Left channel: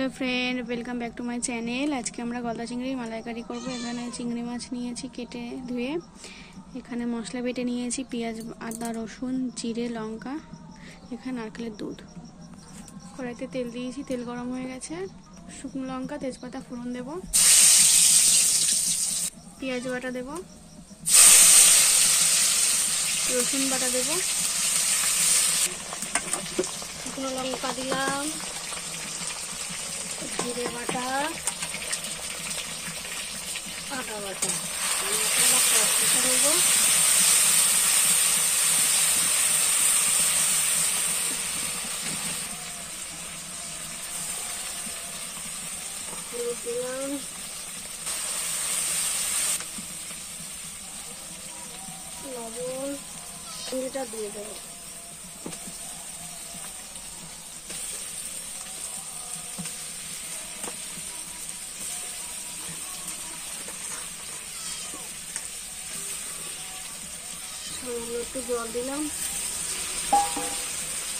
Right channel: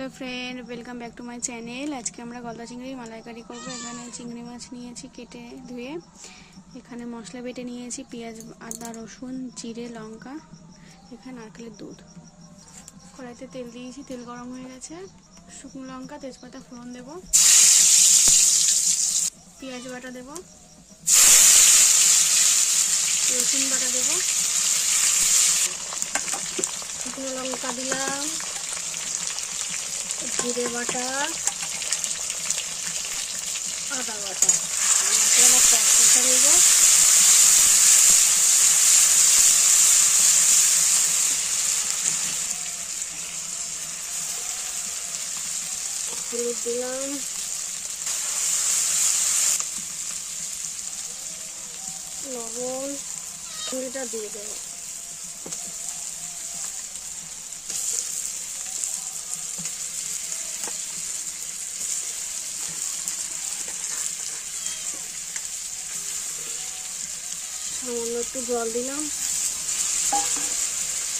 Hello friend, welcome back to my channel. आज के আমরা গলদা চিংড়ি মালাইকারি করব। এখানে চিংড়ি মাছ নিয়েছি কেটে ধুয়ে। এখানে মশলা বেটে নিয়েছি, পেঁয়াজ, আদা, রসুন, জিরে, লঙ্কা। এখানে নারকেলের দুধ। কড়াইতে তেল দিয়েছি, তেল গরম হয়ে গেছে। শুকনো লঙ্কা, তেজপাতা ফোড়ন দেব, পেঁয়াজ বাটা দেব, রসুন বাটা দেব, শুকনো লঙ্কা দিলাম, জিরে বাটা, আদা বাটা, মশলা নেব, হলুদ দিলাম, লবণ, চিংড়িটা দিয়ে দেবো। সামান্য একটু জল দিলাম,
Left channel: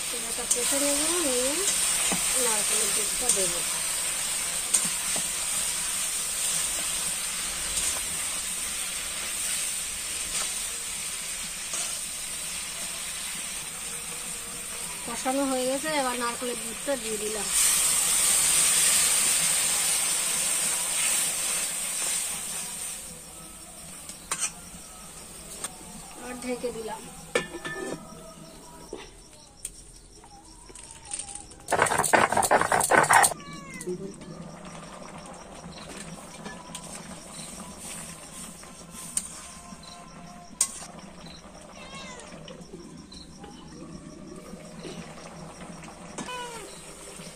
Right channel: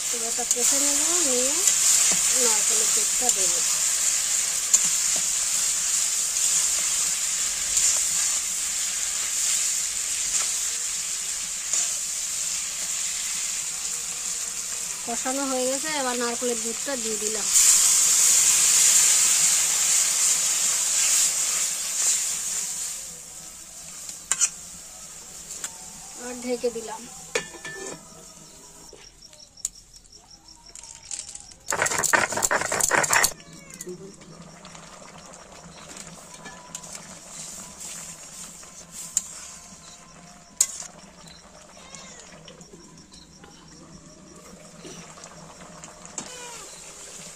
তেলটা কষে নেব, নিয়ে নারকেলের দুধটা দেবো। কষানো হয়ে গেছে, এবার নারকেলের দুধটা দিয়ে দিলাম। আর ঢেকে দিলাম।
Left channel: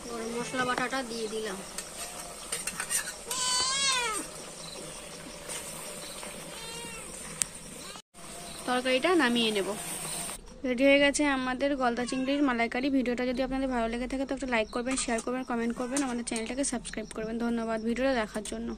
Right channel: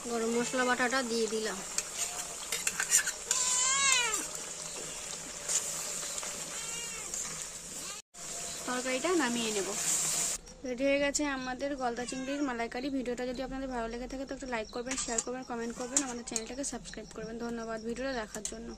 গরম মশলা বাটাটা দিয়ে দিলাম। তরকারিটা নামিয়ে নেব। রেডি হয়ে গেছে আমাদের গলদা চিংড়ির মালাইকারি। ভিডিওটা যদি আপনাদের ভালো লেগে থাকে তো একটা লাইক করবেন, শেয়ার করবেন, কমেন্ট করবেন, আমাদের চ্যানেলটাকে সাবস্ক্রাইব করবেন। ধন্যবাদ ভিডিওটা দেখার জন্য।